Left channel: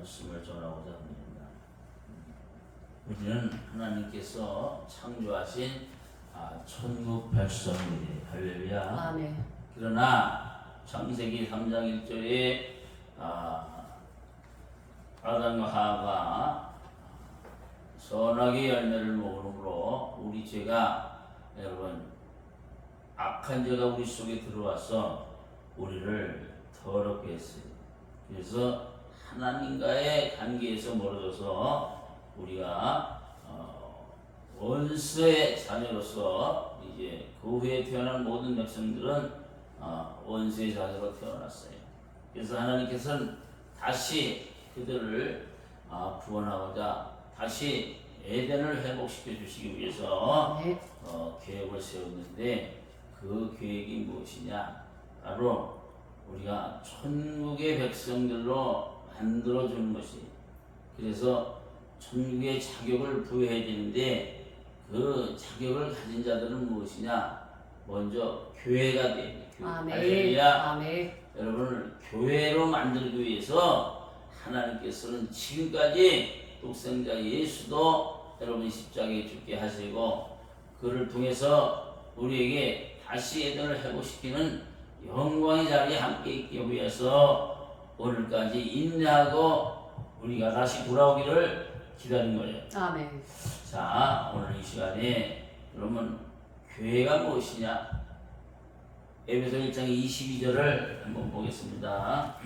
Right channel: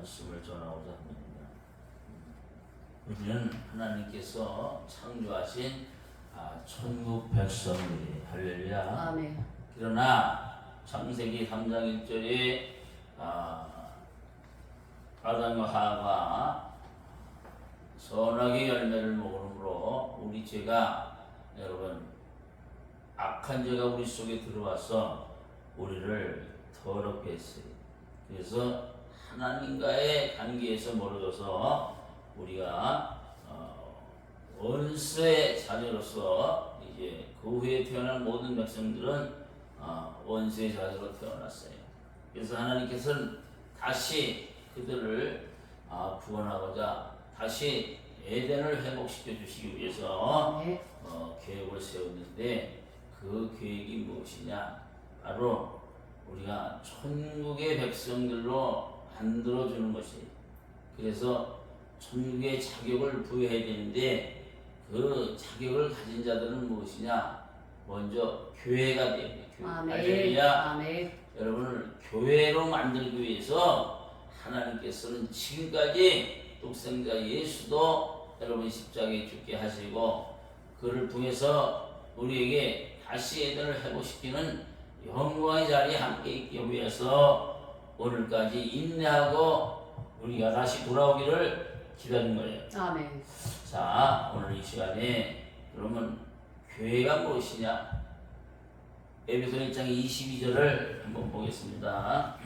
말씀을 전하고자 합니다. 우리는 하나님께서 창조하신 천국 백성들이 할렐루야. 아멘. 그러나 창세기 3장 1절에 아담과 하와가 선악의 열매를 먹음으로 우리 죄가 여러분 악한 죄가 우리 속에 들어와서 우리를 더럽게 했어요. 그래서 하나님과의 관계에서 멀어져서 우리가 원수의 자녀로서 이제 그 후에 태어난 모든 백성들은 원수의 자녀로 태어났어요. 그래서 하나님께서는 다시 그들을 구원하고자 다시 에덴을 회복시켜 주시기 위해서 계획을 세웠는데 그 계획이 무엇이냐? 바로 우리가 천국의 백성들로 만들어주는 것이. 그래서 천국의 자격을 부여해야 되는데 그 자격을 가진 자들은 무엇이냐? 먼저 교회가 됩니다. 할렐루야. 아멘. 여러분을 교회로 만들기 위해서 하나님께서는 지금까지 독생자 예수도 여러분 십자가에 죽게 하시고 그를 통해서 우리에게 다시 에덴을 회복시키는 영광의 자리에 함께 있기 위해서 오늘까지 인내하고 우리가 다시 돌아오기를 기다린 거예요. 아멘. 자, 오늘 이 시간에 그러면 교회가 무엇이냐? 에베소 1장 22절을 한번 보겠습니다.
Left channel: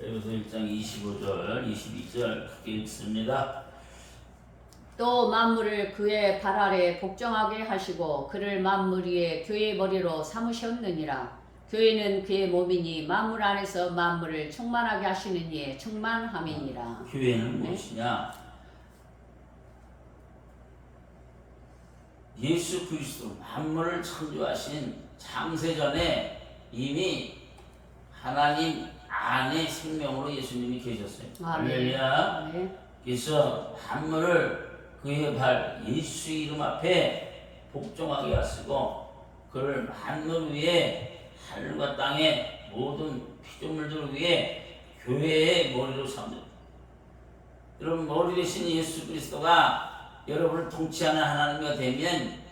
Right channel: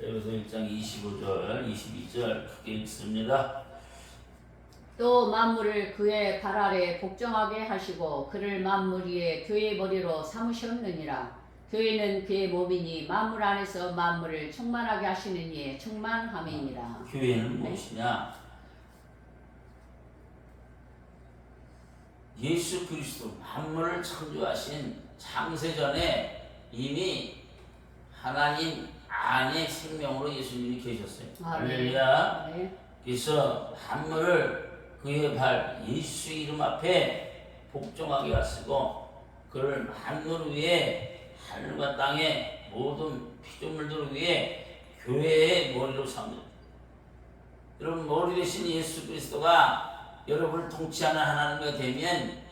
에베소 1장 25절, 22절 크게 읽습니다. 또 만물을 그의 발 아래 복종하게 하시고 그를 만물 위에 교회의 머리로 삼으셨느니라. 교회는 그의 몸이니 만물 안에서 만물을 충만하게 하시는 이의 충만함이니라. 교회는 무엇이냐? 예수 그리스도 만물을 창조하신 창세전에 이미 하나님 안에 생명으로 예수님이 계셨어요. 할렐루야. 그래서 만물을 그의 발 예수 이름 앞에 복종하게 하시고 그를 만물 위에 하늘과 땅의 모든 피조물들 위에 교회의 머리로 삼는. 여러분 머리 되신 예수 그리스도가 여러분을 통치하는 하나님이 되면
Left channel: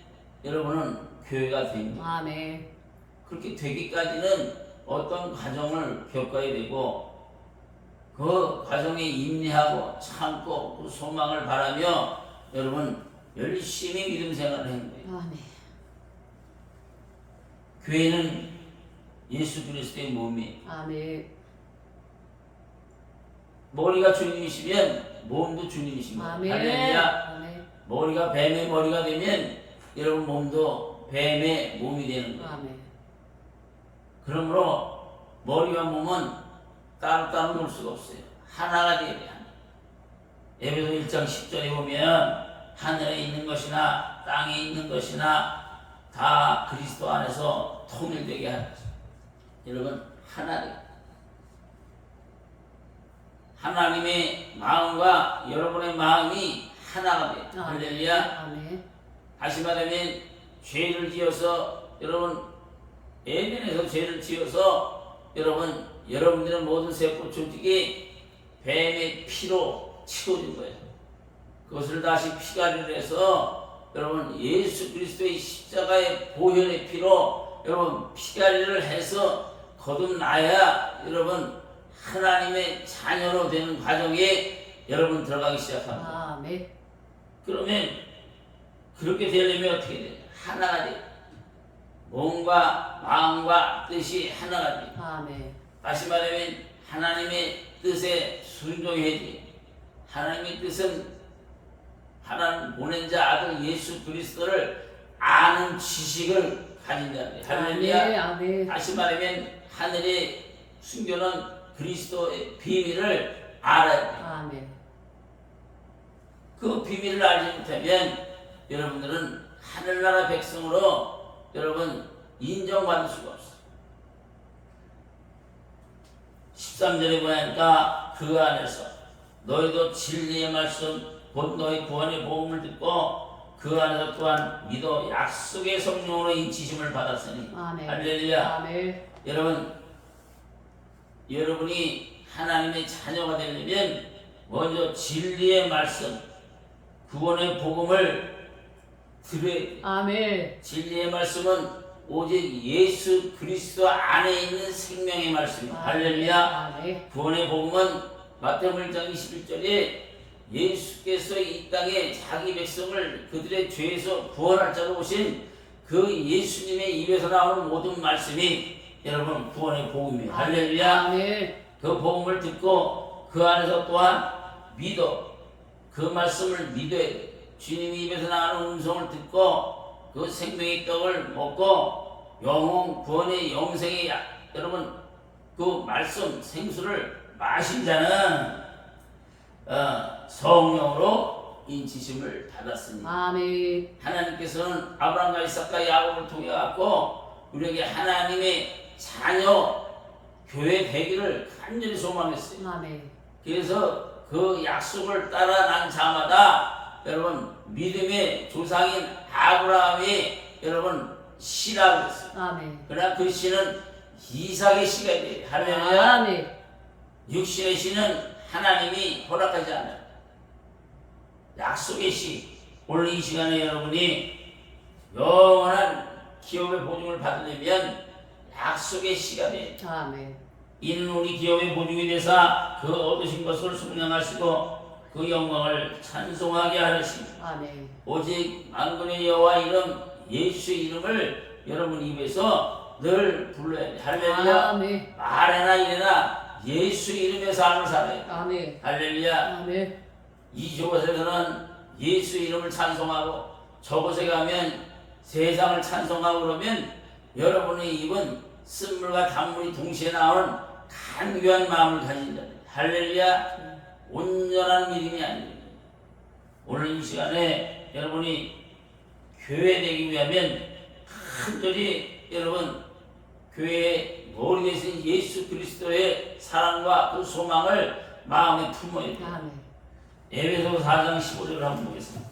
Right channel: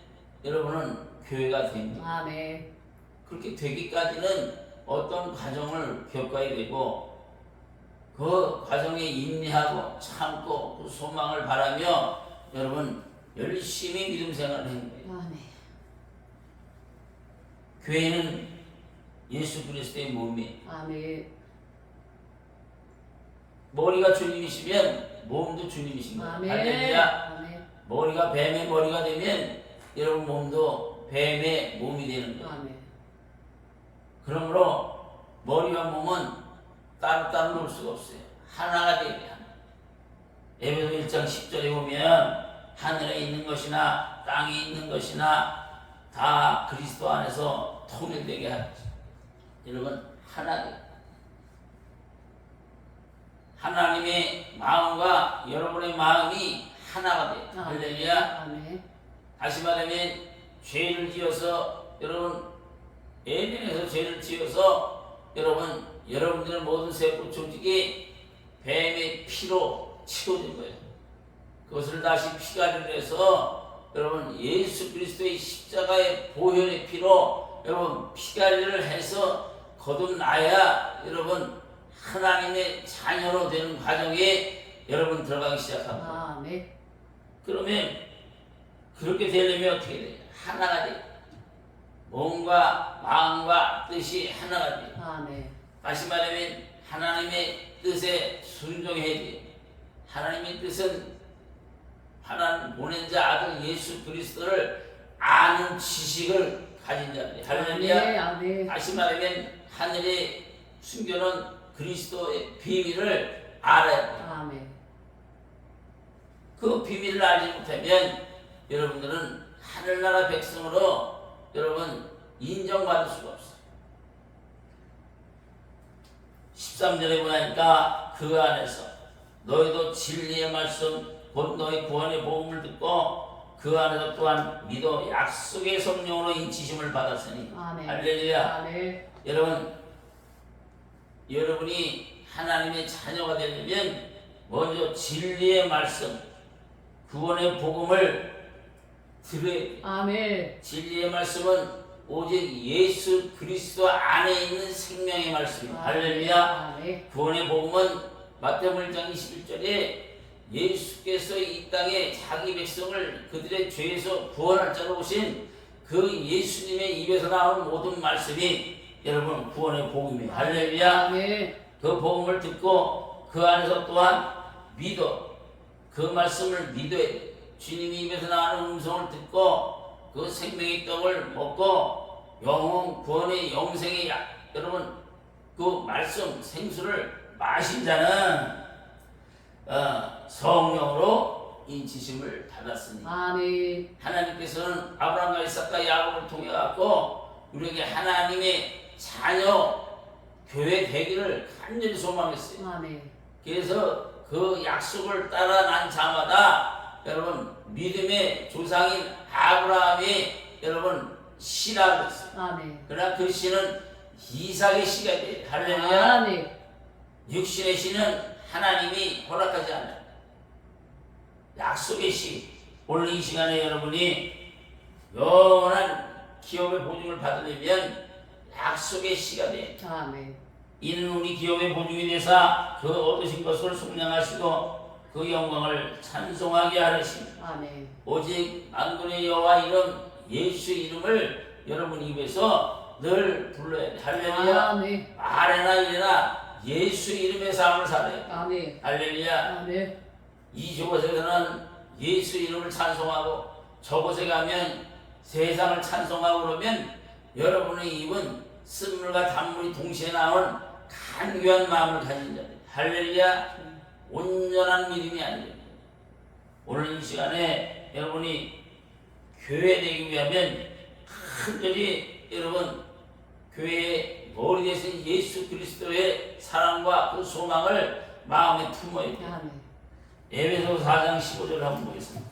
여러분은 교회가 됩니다. 아멘. 그렇게 되기까지는 어떤 과정을 겪어야 되고 그 과정에 인내하고 참고 그 소망을 바라며 여러분 열심히 믿음 생활을 하는 거예요. 아멘. 교회는 예수 그리스도의 몸이에요. 아멘. 머리가 주님이시면 몸도 주님이신 거예요. 아멘. 할렐루야. 아멘. 머리가 뱀의 머리가 되면 여러분 몸도 뱀의 몸이 되는 거예요. 아멘. 그러므로 머리와 몸은 따로따로 놀 수가 없어요. 하나가 되어야 돼요. 에베소 1장 10절에 보면 하늘에 있는 것이나 땅에 있는 것이나 다 그리스도 안에서 통일되게 하죠. 여러분 하나 돼요. 하나님의 마음과 여러분의 마음이 하나가 돼요. 할렐루야. 아멘. 다시 말하면 죄를 지어서 여러분 에덴에서 죄를 지어서 여러분들의 모든 세포 조직이 뱀의 피로 치워진 거예요. 그것을 다시 피가리를 해서 여러분 예수 그리스도의 십자가의 보혈의 피로 여러분 피가리를 해서 거듭나야 여러분 하나님의 자녀로 되는 과정에 여러분 들어가기 시작합니다. 아멘. 그러면 그렇게 되려면 어떻게 돼요? 하나가 돼요. 몸과 마음과 뜻이 하나가 돼요. 아멘. 다시 말하면 하나님의 뜻에 순종해야 돼요. 하나님의 뜻은 하나님 보낸 자 아들 예수 그리스도를 아는 지식을 가진 자들이에요. 할렐루야. 아멘. 다시 말하면 하늘에 숨겨놓은 그리스도의 비밀을 알아야 돼요. 아멘. 그 비밀을 알지 못하면 여러분들은 하늘나라 백성으로 여러분 인정받을 수가 없어요. 13절에 보니까 그 안에서 너희도 진리의 말씀 곧 너희 구원의 복음을 듣고 그 안에서 또한 믿어 약속의 성령으로 인치심을 받았으니 아멘. 할렐루야. 아멘. 여러분이 하나님의 자녀가 되려면 먼저 진리의 말씀, 구원의 복음을 들어야 돼. 아멘. 진리의 말씀은 오직 예수 그리스도 안에 있는 생명의 말씀이에요. 할렐루야. 아멘. 구원의 복음은 마태복음 1장 21절에 예수께서 이 땅에 자기 백성을 그들의 죄에서 구원할 자로 오신 그 예수님의 입에서 나오는 모든 말씀이 여러분 구원의 복음이에요. 할렐루야. 아멘. 그 복음을 듣고 그 안에서 또한 믿어. 그 말씀을 믿어야 돼. 주님이 입에서 나오는 음성을 듣고 그 생명의 떡을 먹고 영혼 구원의 영생의 여러분 그 말씀 생수를 마신 자는 성령으로 인치심을 받았으니 아멘. 하나님께서는 아브라함과 이삭과 야곱을 통해 갖고 우리에게 하나님의 자녀 교회 되기를 간절히 소망했어요. 아멘. 그래서 그 약속을 따라 난 자마다 여러분 믿음의 조상인 아브라함이 여러분 씨라고 했어요. 아멘. 그러나 그 씨는 이삭의 씨가 돼요. 할렐루야. 아멘. 육신의 씨는 하나님이 허락하지 않아요. 약속의 씨. 오늘 이 시간에 여러분이 영원한 기업의 보증을 받으려면 약속의 씨가 돼요. 아멘. 이는 우리 기업의 보증이 되사 그 얻으신 것을 속량하시고 그 영광을 찬송하게 하시니 아멘. 오직 만군의 여호와 이름 예수 이름을 여러분 입에서 늘 불러야 돼. 할렐루야. 아멘. 말해나 이래나 예수 이름의 삶을 살아야 돼. 아멘. 할렐루야. 아멘. 이곳에서는 예수 이름을 찬송하고 저곳에 가면 세상을 찬송하고 그러면 여러분의 입은 쓴물과 단물이 동시에 나오는 간교한 마음을 가진 자입니다. 할렐루야. 온전한 믿음이 아닙니다. 오늘 이 시간에 여러분이 교회 되기 위하면 간절히 여러분 교회의 머리 대신 예수 그리스도의 사랑과 그 소망을 마음에 품어야 돼요. 아멘. 에베소 4장 15절을 한번 보겠습니다.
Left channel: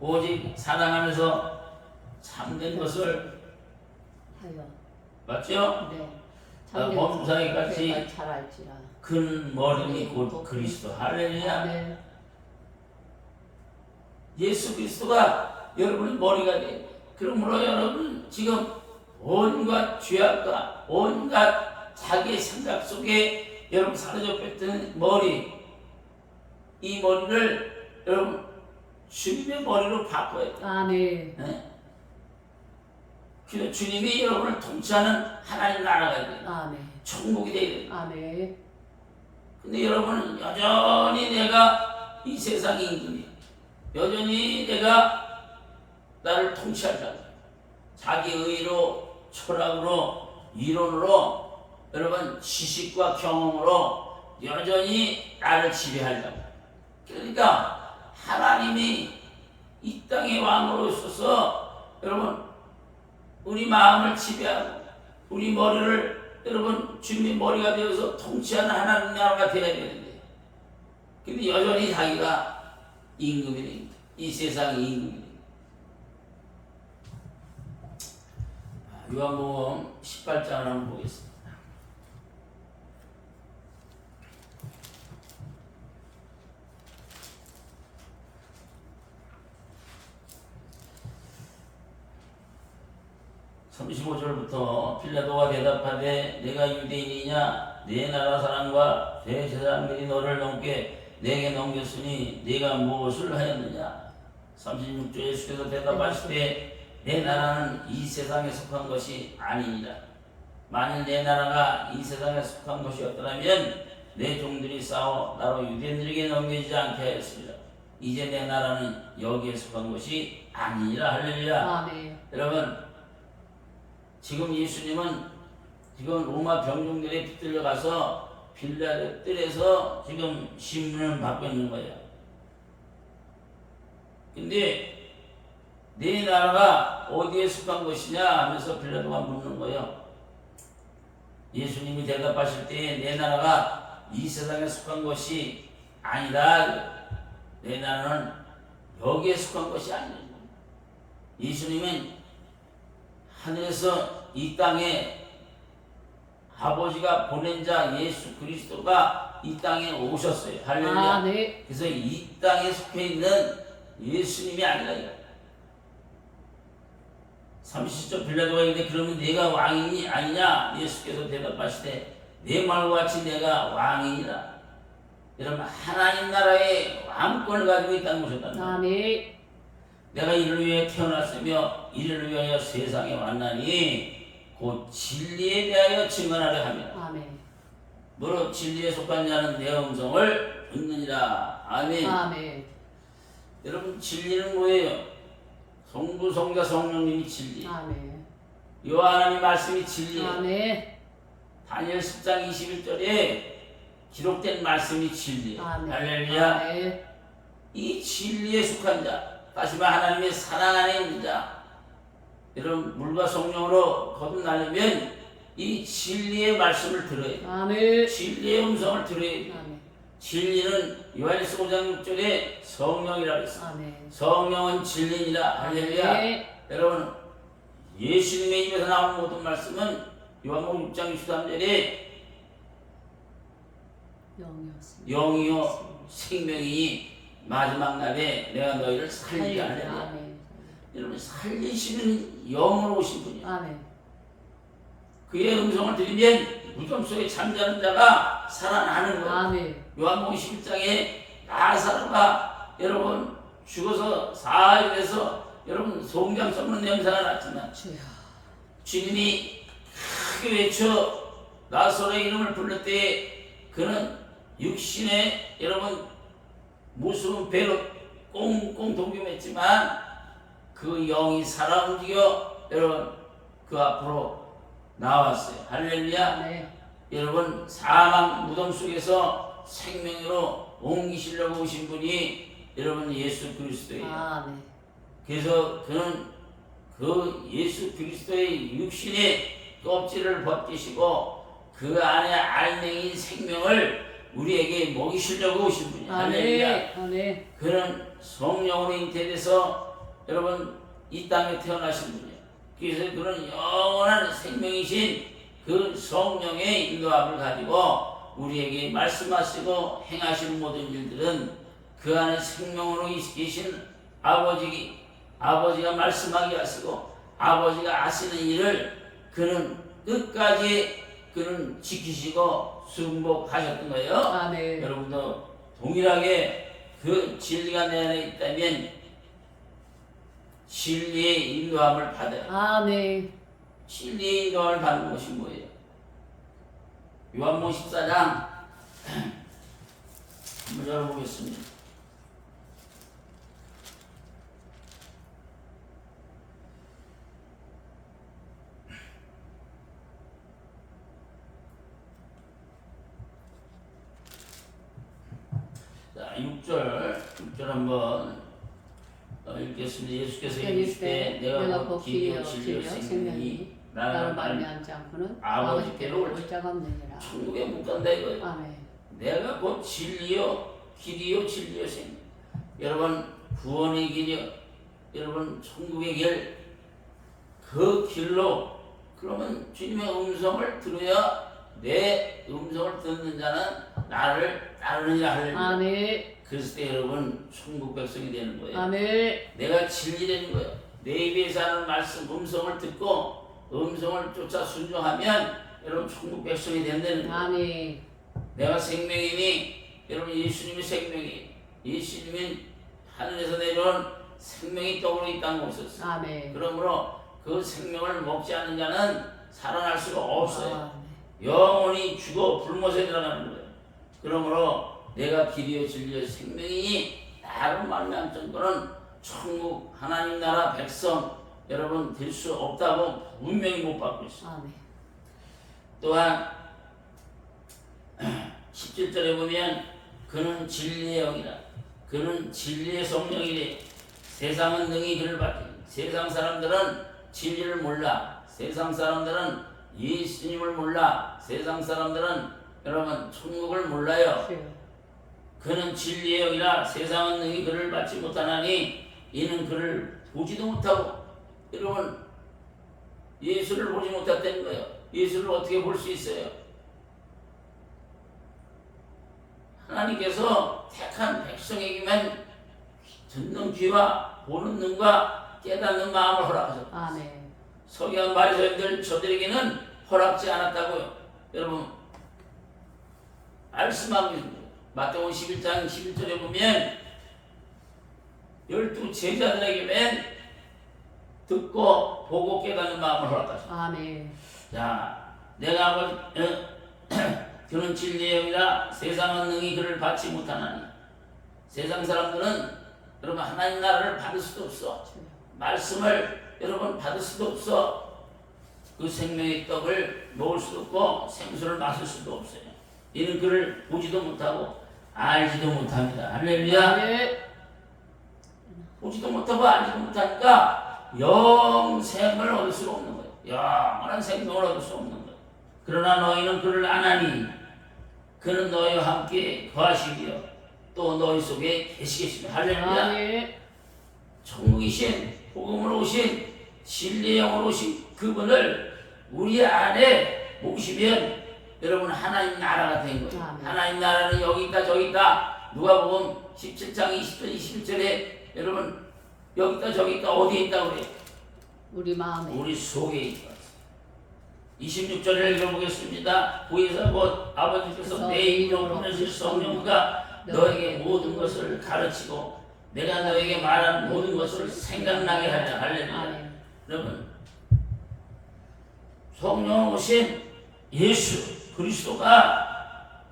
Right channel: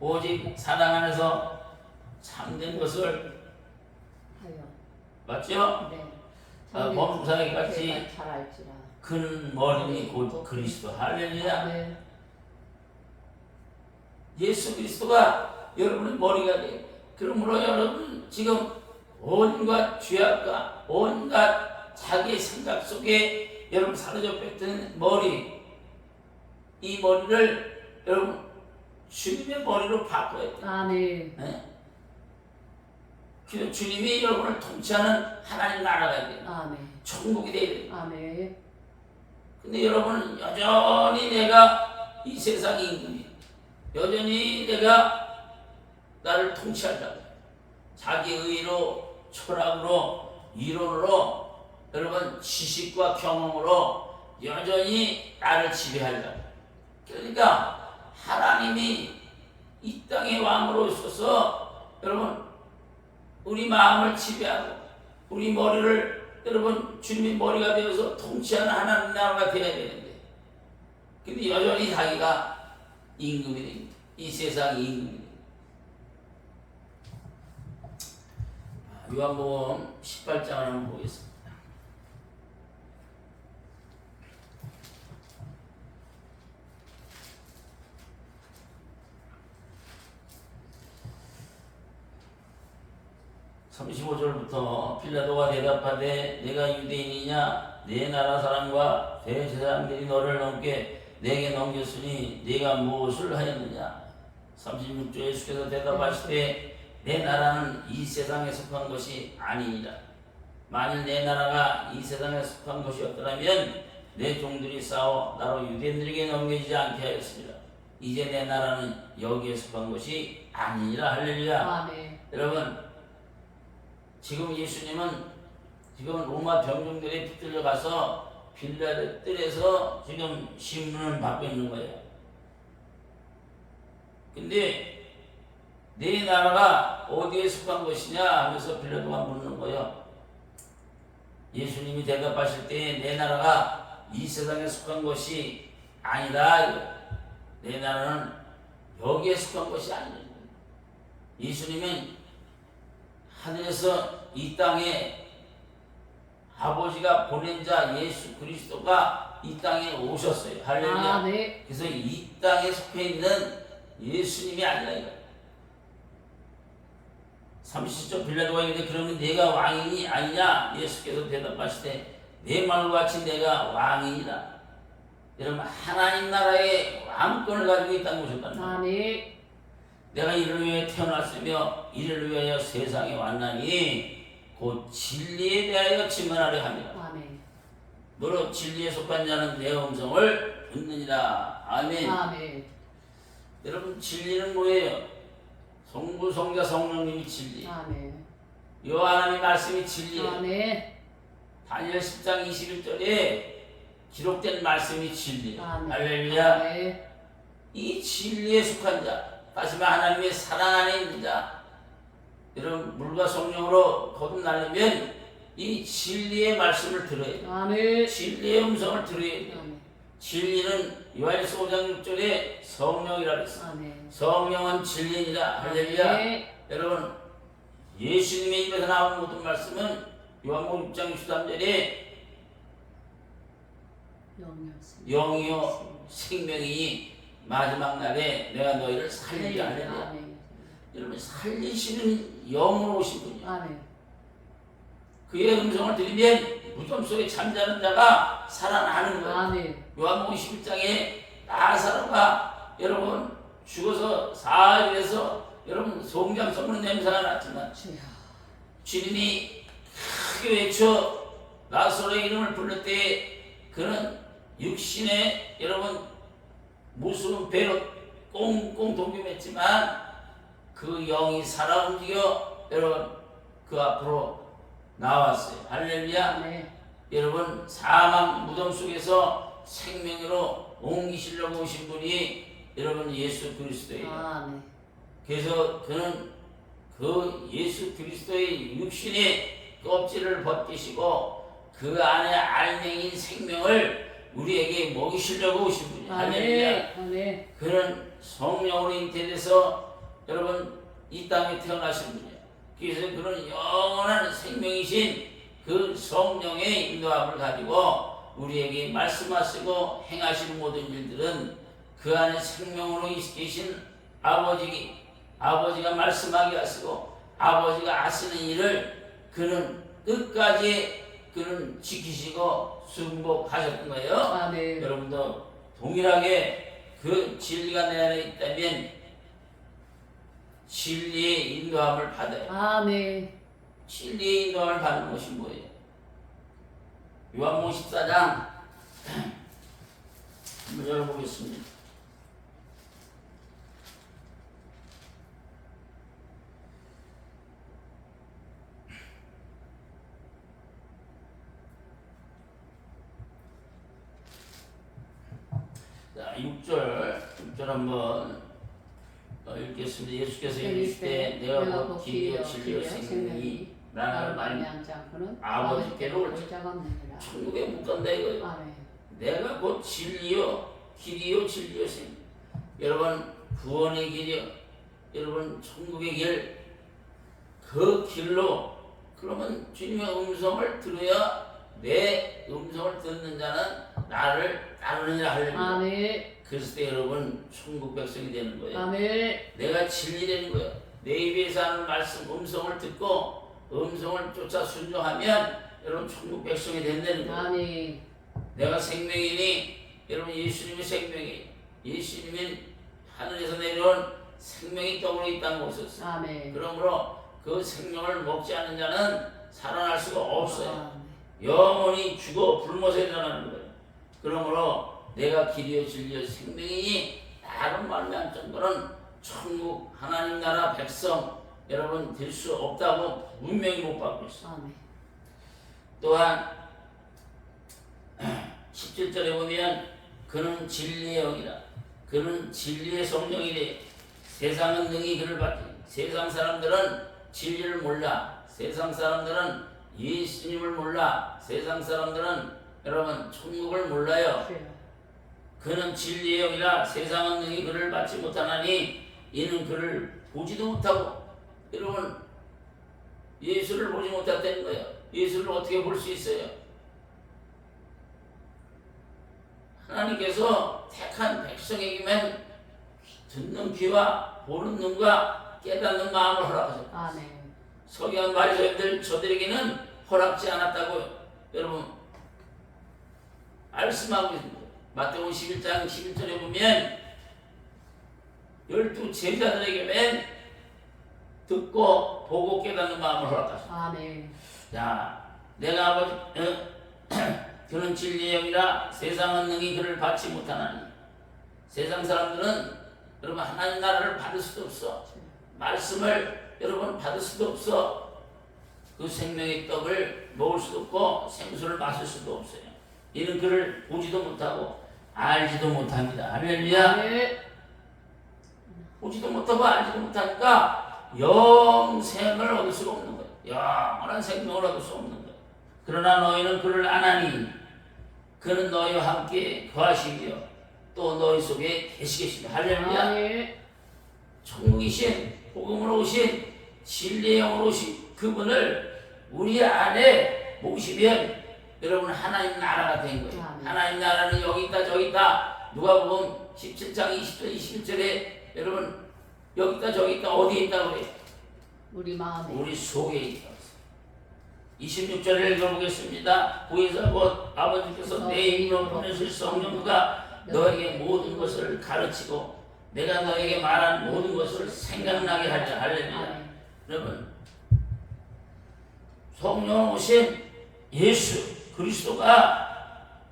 오직 사랑 안에서 참된 것을 하여. 맞죠? 네. 범사에 같이 잘 알지라. 큰 머리니 곧 그리스도. 할렐루야. 네. 예수 그리스도가 여러분의 머리가 돼요. 그러므로 여러분 지금 온갖 죄악과 온갖 자기의 생각 속에 여러분 사로잡혀 있던 머리, 이 머리를 여러분 주님의 머리로 바꿔야 돼요. 아멘. 네? 그래서 주님이 여러분을 통치하는 하나님 나라가 돼요. 아멘. 천국이 돼야 돼요. 아멘. 근데 여러분은 여전히 내가 이 세상의 임금이에요. 여전히 내가 나를 통치한다고. 자기 의로, 철학으로, 이론으로, 여러분 지식과 경험으로 여전히 나를 지배하려고. 그러니까 하나님이 이 땅의 왕으로 있어서 여러분 우리 마음을 지배하고 우리 머리를 여러분 주님의 머리가 되어서 통치하는 하나님 나라가 되어야 되는데, 근데 여전히 자기가 임금이 됩니다. 이 세상의 임금이 됩니다. 요한복음 18장을 한번 보겠습니다. (35절부터) 빌라도가 대답하되 내가 유대인이냐 내 나라 사람과 대제사장들이 너를 넘게 내게 넘겼으니 네가 무엇을 하였느냐. 36절 예수께서 대답하시되 내 나라는 이 세상에 속한 것이 아니니라. 만일 내 나라가 이 세상에 속한 것이었더라면 내 종들이 싸워 나로 유대인들에게 넘겨지지 않게 하였습니다. 이제 내 나라는 여기에 속한 것이 아니니라. 할렐루야. 아멘. 여러분 지금 예수님은 지금 로마 병정들에 붙들려 가서 빌라도 뜰에서 지금 신문을 받고 있는 거예요. 근데 네 나라가 어디에 속한 것이냐 하면서 빌라도가 묻는 거예요. 예수님이 대답하실 때 내 나라가 이 세상에 속한 것이 아니다. 내 나라는 여기에 속한 것이 아니라 예수님은 하늘에서 이 땅에 아버지가 보낸 자 예수 그리스도가 이 땅에 오셨어요. 할렐루야. 아, 네. 그래서 이 땅에 속해 있는 예수님이 아니라 이거. 30절 빌라도가 이르되 그러면 내가 왕이니 아니냐? 예수께서 대답하시되 내 말과 같이 내가 왕이니라. 여러분 하나님 나라의 왕권을 가지고 이 땅에 오셨다는 거예요. 아, 네. 내가 이를 위해 태어났으며 이를 위하여 세상에 왔나니 곧 진리에 대하여 증언하려 함이라. 아멘. 너로 진리에 속한 자는 내 음성을 듣느니라. 아멘. 아멘. 여러분 진리는 뭐예요? 성부 성자 성령님이 진리. 아멘. 요한의 말씀이 진리예요. 아멘. 다니엘 10장 21절에 기록된 말씀이 진리예요. 아멘. 할렐루야. 아멘. 이 진리에 속한 자, 다시 말 하나님의 사랑 안에 있는 자, 여러분 물과 성령으로 거듭나려면 이 진리의 말씀을 들어야 돼요. 아멘. 진리의 음성을 들어야 돼요. 아멘. 진리는 요한일서 5장 6절에 성령이라 그랬어요. 아멘. 성령은 진리니라. 할렐루야. 네. 여러분 예수님의 입에서 나온 모든 말씀은 요한복음 6장 63절에 영이었습니다. 영이요 생명이니 마지막 날에 내가 너희를 살리게 하리라. 아멘. 여러분 살리시는 영으로 오신 분이요. 아멘. 그의 음성을 들으면 무덤 속에 잠자는 자가 살아나는 거예요. 아멘. 요한복음 11장에 나사로가 여러분 죽어서 사흘에서 여러분 송장 썩는 냄새가 났지만 주여. 주님이 크게 외쳐 나사로의 이름을 부를 때 그는 육신의 여러분 모습은 배로 꽁꽁 동김했지만 그 영이 살아 움직여 여러분 그 앞으로 나왔어요. 할렐루야. 네. 여러분 사망 무덤 속에서 생명으로 옮기시려고 오신 분이 여러분 예수 그리스도예요. 아멘. 그래서 그는 그 예수 그리스도의 육신의 껍질을 벗기시고 그 안에 알맹이인 생명을 우리에게 먹이시려고 오신 분이에요. 할렐루야. 아멘. 아멘. 그는 성령으로 잉태돼서 여러분 이 땅에 태어나신 분이에요. 그래서 그런 영원한 생명이신 그 성령의 인도함을 가지고 우리에게 말씀하시고 행하시는 모든 일들은 그 안에 생명으로 계신 아버지가 말씀하게 하시고 아버지가 하시는 일을 그는 끝까지 그는 지키시고 순복하셨던 거예요. 아멘. 여러분도 동일하게 그 진리가 내 안에 있다면 진리의 인도함을 받아요. 아멘. 진리의 인도함을 받는 것이 뭐예요? 요한복음 14장 한번 열어보겠습니다. 자, 6절 한번 읽겠습니다. 예수께서 이르시되 내가 곧 길이요 진리요 생명이니 나를 말미암지 않고는 아버지께로 올 자가 없느니라. 천국에 못 간다 이거예요. 아멘. 내가 곧 진리요 길이요 진리요 생명. 여러분 구원의 길이요 여러분 천국의 길 그 길로 그러면 주님의 음성을 들어야 내 음성을 듣는 자는 나를 따르느냐 하려는 아멘. 그랬을 때 여러분 천국 백성이 되는 거예요. 아멘. 내가 진리 되는 거예요. 내 입에서 하는 말씀 음성을 듣고 음성을 쫓아 순종하면 여러분 천국 백성이 된다는 거예요. 아멘. 내가 생명이니 여러분 예수님이 생명이 예수님은 하늘에서 내려온 생명이 떡으로 이 땅에 오셨어요. 아멘. 그러므로 그 생명을 먹지 않는 자는 살아날 수가 없어요. 아멘. 영원히 죽어 불못에 들어가는 거예요. 그러므로 내가 길이요 진리요 생명이니 나로 말미암 정도는 천국 하나님 나라 백성 여러분 될 수 없다고 분명히 못 받고 있어요. 아멘. 또한 17절에 보면 그는 진리의 영이라 그는 진리의 성령이래. 세상은 능히 그를 받지. 세상 사람들은 진리를 몰라. 세상 사람들은 예수님을 몰라. 세상 사람들은 여러분 천국을 몰라요. 주여. 그는 진리의 영이라 세상은 능히 그를 받지 못하나니 이는 그를 보지도 못하고. 여러분, 예수를 보지 못했다는 거예요. 예수를 어떻게 볼 수 있어요? 하나님께서 택한 백성에게만 듣는 귀와 보는 눈과 깨닫는 마음을 허락하셨다. 아멘. 서기관 바리새인들 저들에게는 허락지 않았다고요. 여러분, 말씀하고 있습니다. 마태복음 11장 11절에 보면 12 제자들에게만 듣고 보고 깨닫는 마음을 허락하셨다. 아멘. 자, 내가 아버지 그는 진리의 영이라 세상은 능히 그를 받지 못하나니. 세상 사람들은 여러분 하나님 나라를 받을 수도 없어. 말씀을 여러분 받을 수도 없어. 그 생명의 떡을 먹을 수도 없고 생수를 마실 수도 없어요. 이는 그를 보지도 못하고 알지도 못합니다. 할렐루야. 아멘. 보지도 못하고 알지도 못하니까 영생을 얻을 수가 없는 거예요. 영원한 생명을 얻을 수 없는 거예요. 그러나 너희는 그를 아나니 그는 너희와 함께 거하시며 또 너희 속에 계시겠습니다. 할렐루야. 아멘. 천국이신 복음으로 오신 진리의 영으로 오신 그분을 우리 안에 모시면 여러분 하나님 나라가 된 거예요. 아멘. 하나님 나라는 여기 있다 저기 있다. 누가복음 17장 20절 21절에 여러분 여기 있다 저기 있다. 어디에 있다 그래요? 우리 마음에. 우리 속에 있다. 26절을 읽어보겠습니다. 구에서 곧 아버지께서 내 이름으로 보내실 성령과 너에게 모든 것을 가르치고 내가 너에게 말한 모든 것을 생각나게 하리라. 할렐루야. 아멘. 여러분, 성령 오신 예수 그리스도가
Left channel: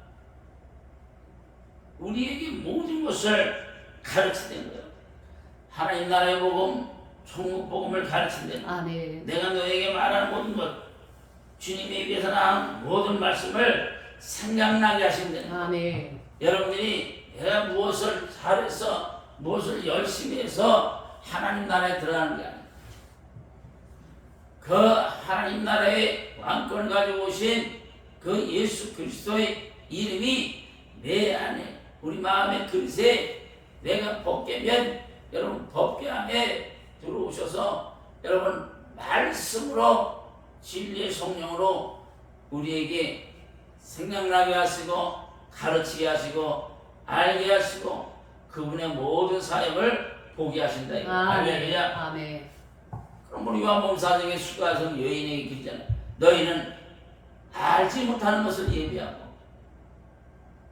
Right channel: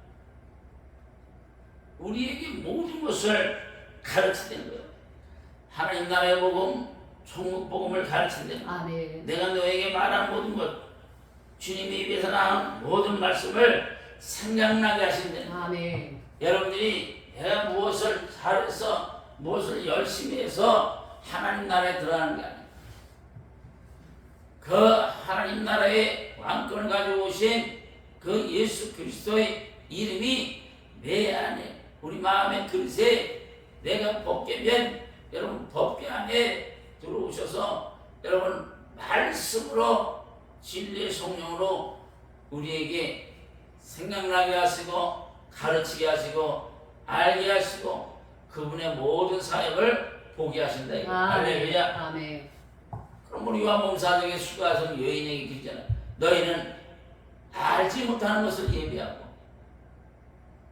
우리에게 모든 것을 가르치는 거예요. 하나님 나라의 복음, 천국 복음을 가르친다는 거예요. 아멘. 내가 너에게 말한 모든 것, 주님의 입에서 나온 모든 말씀을 생각나게 하신다는 거예요. 아멘. 여러분들이 내가 무엇을 잘해서 무엇을 열심히 해서 하나님 나라에 들어가는 게 아니에요. 그 하나님 나라의 왕권을 가지고 오신 그 예수 그리스도의 이름이 내 안에 우리 마음의 그릇에 내가 법궤면 여러분 법궤 안에 들어오셔서 여러분 말씀으로 진리의 성령으로 우리에게 생각나게 하시고 가르치게 하시고 알게 하시고 그분의 모든 사역을 보게 하신다. 할렐루야. 아멘. 그럼 우리 요한복음 4장에 수가서 여인에게 그러잖아요. 너희는 알지 못하는 것을 예비하고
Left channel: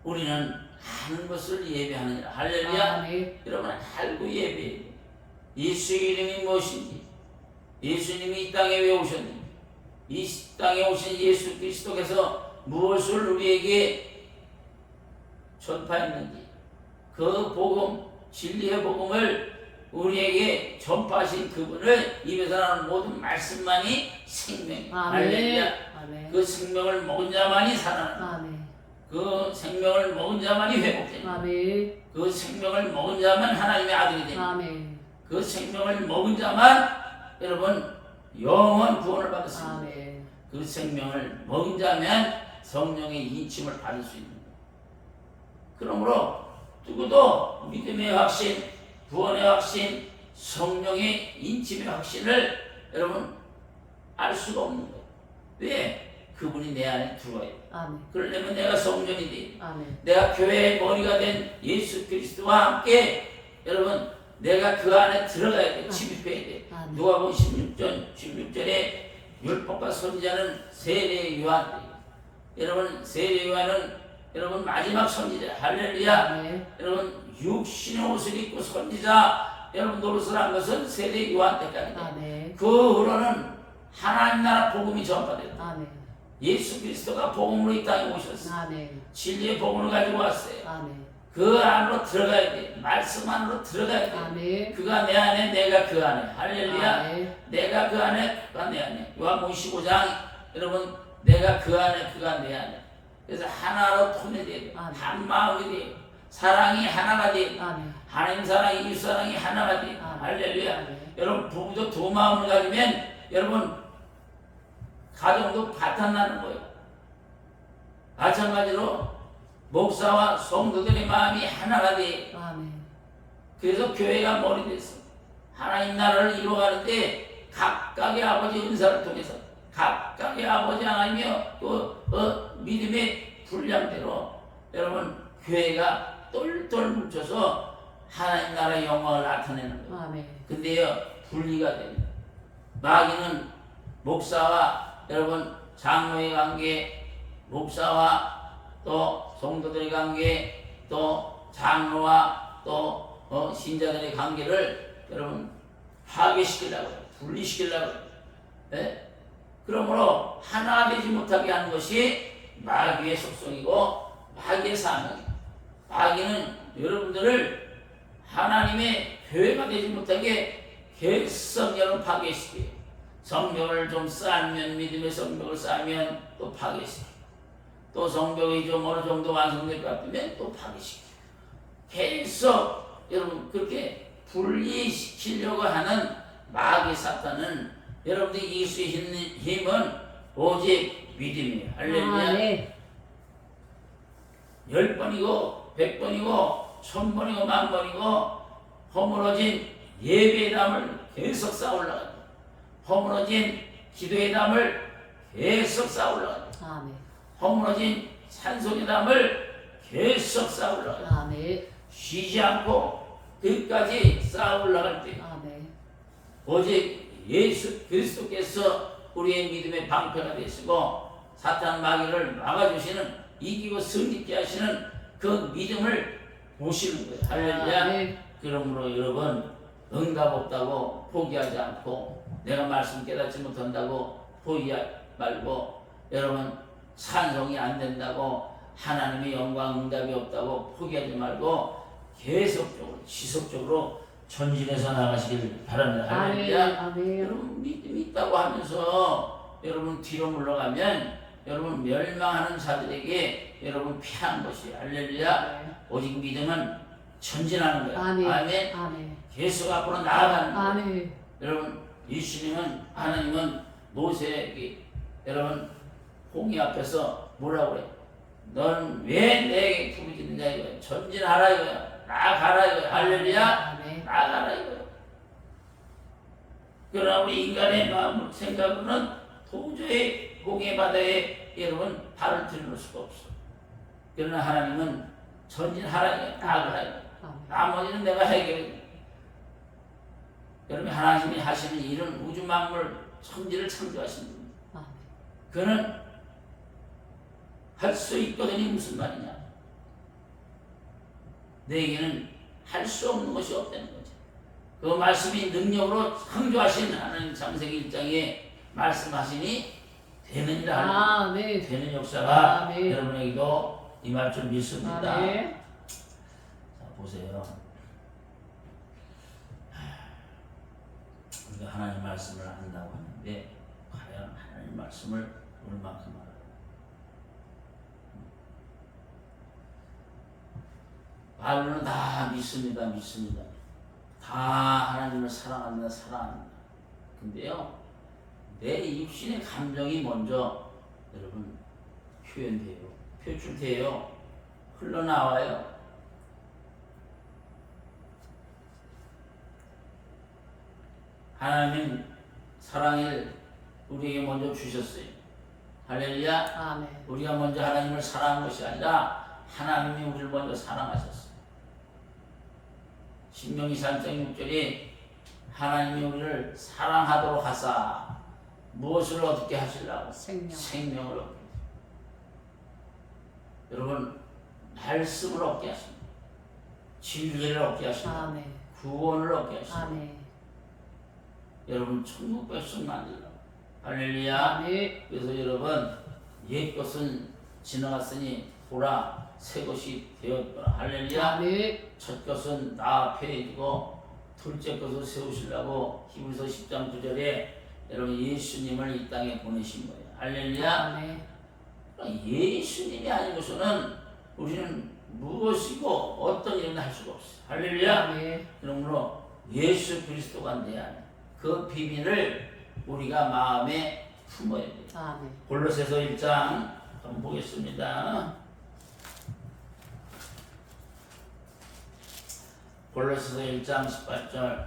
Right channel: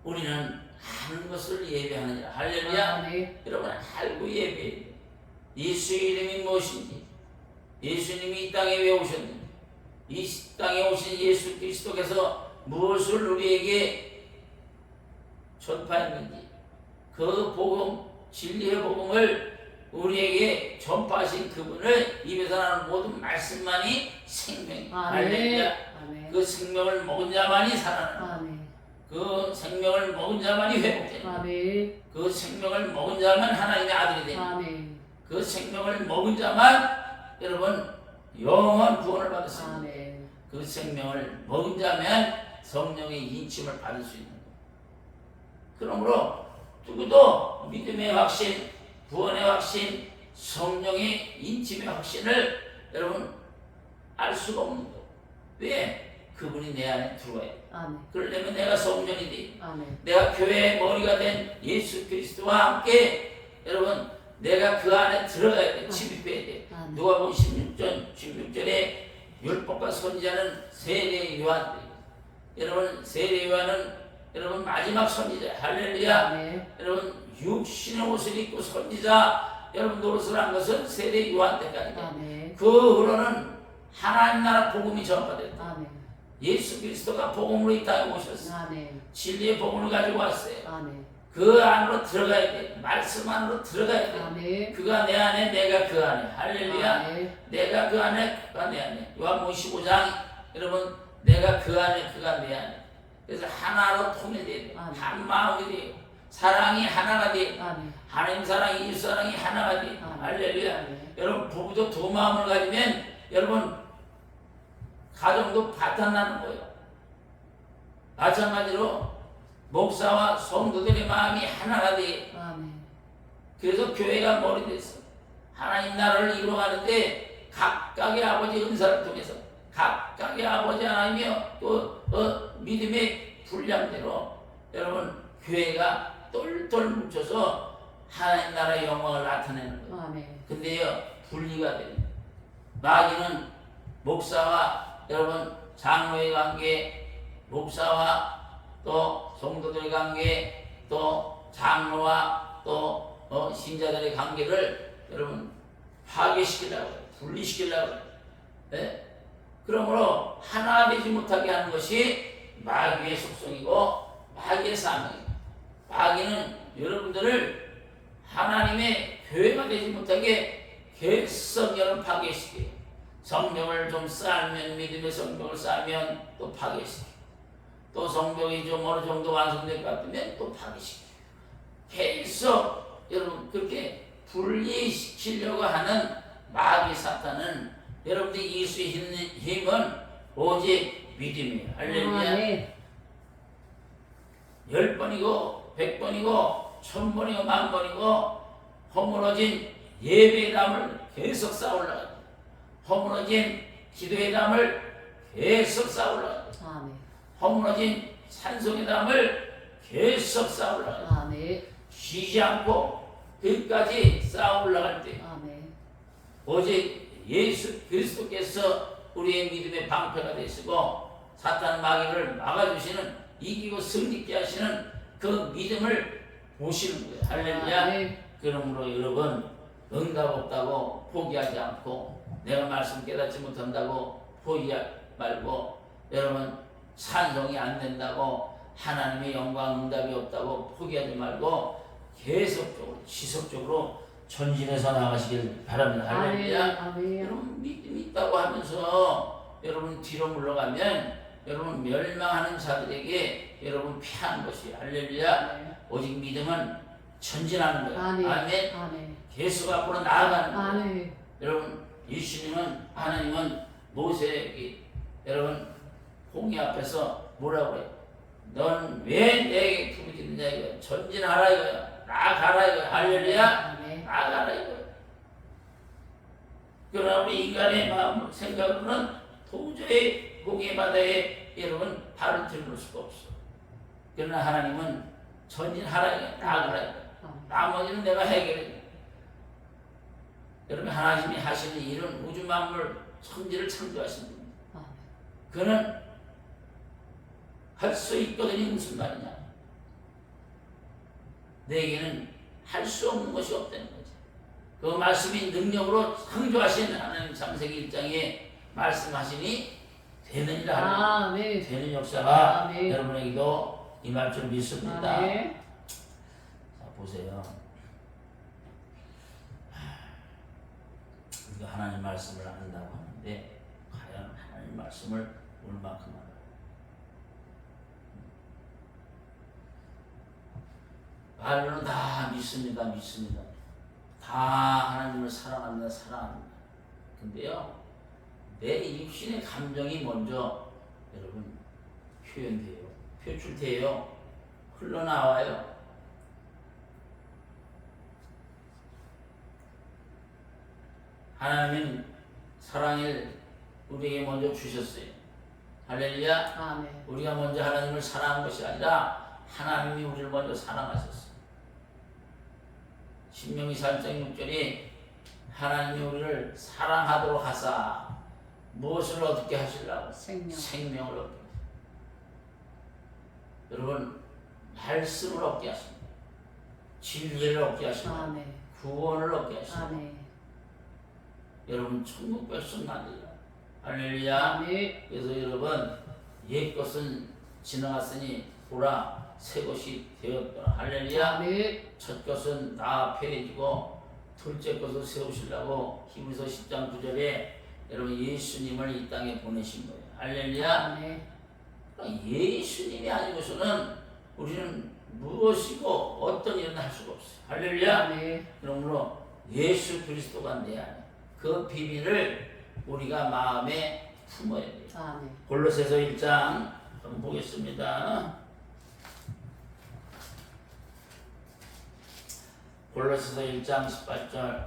우리는 아는 것을 예비하느니라. 할렐루야. 아멘. 여러분 알고 예비해야 돼요. 예수의 이름이 무엇인지, 예수님이 이 땅에 왜 오셨는지, 이 땅에 오신 예수 그리스도께서 무엇을 우리에게 전파했는지, 그 복음, 진리의 복음을 우리에게 전파하신 그분을 입에서 나는 모든 말씀만이 생명이에요. 할렐루야. 아멘. 그 생명을 먹은 자만이 살아나는 거예요. 아멘. 그 생명을 먹은 자만이 회복되는 거예요. 아멘. 그 생명을 먹은 자만 하나님의 아들이 되는 거예요. 아멘. 그 생명을 먹은 자만 여러분 영원 구원을 받았습니다. 아멘. 그 생명을 먹은 자면 성령의 인침을 받을 수 있는 거예요. 그러므로 누구도 믿음의 확신, 구원의 확신, 성령의 인침의 확신을 여러분 알 수가 없는 거예요. 왜? 그분이 내 안에 들어와요. 아멘. 그러려면 내가 성전이 돼. 아멘. 내가 교회의 머리가 된 예수 그리스도와 함께 여러분 내가 그 안에 들어가야 돼. 침입해야 돼. 아멘. 누가복음 16절에 율법과 선지자는 세례 요한들이에요. 여러분 세례 요한은 여러분 마지막 선지자. 할렐루야. 아멘. 여러분 육신의 옷을 입고 선지자 여러분 노릇을 한 것은 세례 요한 때까지다. 아멘. 그 후로는 하나님 나라 복음이 전파됐다. 아멘. 예수 그리스도가 복음으로 이 땅에 오셨어요. 아멘. 진리의 복음을 가지고 왔어요. 아멘. 그 안으로 들어가야 돼. 말씀 안으로 들어가야 돼. 아멘. 그가 내 안에, 내가 그 안에. 할렐루야. 아멘. 내가 그 안에, 그가 내 안에. 요한복음 15장 여러분 내가 그 안에, 그가 내 안에. 그래서 하나로 통일돼야 돼. 아멘. 한 마음이 돼요. 사랑이 하나가 돼. 아멘. 하나님 사랑이, 이웃 사랑이 하나가 돼. 아멘. 할렐루야. 아멘. 여러분 부부도 두 마음을 가지면 여러분 가정도 바탕나는 거예요. 마찬가지로 목사와 성도들의 마음이 하나가 돼. 아멘. 그래서 교회가 머리 됐어. 하나님 나라를 이루어가는데 각각의 아버지 은사를 통해서 각각의 아버지 하나님이여 또 믿음의 분량대로 여러분 교회가 똘똘 뭉쳐서 하나님 나라의 영광을 나타내는 거예요. 아멘. 근데요 분리가 돼요. 마귀는 목사와 여러분 장로의 관계, 목사와 또 성도들의 관계, 또 장로와 또 신자들의 관계를 여러분 파괴시키려고 해요. 분리시키려고 해요. 네? 그러므로 하나 되지 못하게 하는 것이 마귀의 속성이고 마귀의 사명이에요. 마귀는 여러분들을 하나님의 교회가 되지 못하게 계속 여러분 파괴시켜요. 성경을 좀 쌓으면 믿음의 성경을 쌓으면 또 파괴시켜요. 또 성경이 좀 어느 정도 완성될 것 같으면 또 파괴시켜요. 계속 여러분 그렇게 분리시키려고 하는 마귀 사탄은 여러분들이 이길 수 있는 힘은 오직 믿음이에요. 할렐루야. 네. 10번이고 100번이고 1000번이고 10,000번이고 허물어진 예배의 담을 계속 쌓아올라가요. 허물어진 기도의 담을 계속 쌓아올라가요. 아멘. 허물어진 찬송의 담을 계속 쌓아올라가요. 아멘. 쉬지 않고 끝까지 쌓아올라갈 때 아멘. 오직 예수 그리스도께서 우리의 믿음의 방패가 되시고 사탄 마귀를 막아주시는 이기고 승리케 하시는 그 믿음을 보시는 거예요. 할렐루야. 아멘. 그러므로 여러분 응답 없다고 포기하지 않고 내가 말씀 깨닫지 못한다고 포기하지 말고 여러분 찬송이 안 된다고 하나님의 영광 응답이 없다고 포기하지 말고 계속적으로 지속적으로 전진해서 나가시길 바랍니다. 할렐루야. 아멘. 여러분 믿음이 있다고 하면서 여러분 뒤로 물러가면 여러분 멸망하는 자들에게 여러분 피한 것이 할렐루야. 오직 믿음은 전진하는 거야. 아멘. 아멘. 아멘. 계속 앞으로 나아가는 거야. 아멘. 여러분 예수님은 하나님은 모세에게 여러분 홍해 앞에서 뭐라고 그래? 넌 왜 내게 부르짖느냐 이거야. 전진하라 이거야. 나아가라 이거야. 할렐루야. 아멘. 나아가라 이거야. 그러나 우리 인간의 마음 생각으로는 도저히 홍해 바다에 여러분 발을 들을 수가 없어. 그러나 하나님은 전진하라 이거야. 나아가라 이거야. 나머지는 내가 해결해. 여러분 하나님이 하시는 일은 우주 만물 천지를 창조하신 분. 아멘. 그는 할 수 있거든요. 무슨 말이냐? 내게는 할 수 없는 것이 없다는 거지. 그 말씀이 능력으로 창조하신 하나님 창세기 1장에 말씀하시니 되느니라 하는 아멘. 되는 역사가 아멘. 여러분에게도 임할 줄 믿습니다. 아멘. 자 보세요. 우리가 하나님 말씀을 안다고 하는데 과연 하나님 말씀을 얼마큼 알아요? 말로는 다 믿습니다. 다 하나님을 사랑합니다. 근데요, 내 입신의 감정이 먼저 여러분 표현돼요. 표출돼요. 흘러나와요. 하나님은 사랑을 우리에게 먼저 주셨어요. 할렐루야. 아멘. 우리가 먼저 하나님을 사랑한 것이 아니라 하나님이 우리를 먼저 사랑하셨어요. 신명기 3장 6절에 하나님이 우리를 사랑하도록 하사 무엇을 얻게 하시려고? 생명을 얻게 하십니다. 여러분 말씀을 얻게 하십니다. 진리를 얻게 하십니다. 아멘. 구원을 얻게 하십니다. 아멘. 여러분 천국 백성 만들라. 할렐루야. 아멘. 그래서 여러분 옛 것은 지나갔으니 보라 새 것이 되었더라. 할렐루야. 아멘. 첫 것은 다 폐해지고 둘째 것을 세우시려고 히브리서 10장 9절에 여러분 예수님을 이 땅에 보내신 거예요. 할렐루야. 아멘. 예수님이 아니고서는 우리는 무엇이고 어떤 일은 할 수가 없어요. 할렐루야. 아멘. 그러므로 예수 그리스도가 내 안에 그 비밀을 우리가 마음에 품어야 돼요. 아멘. 골로새서 1장 한번 보겠습니다. 골로새서 1장 18절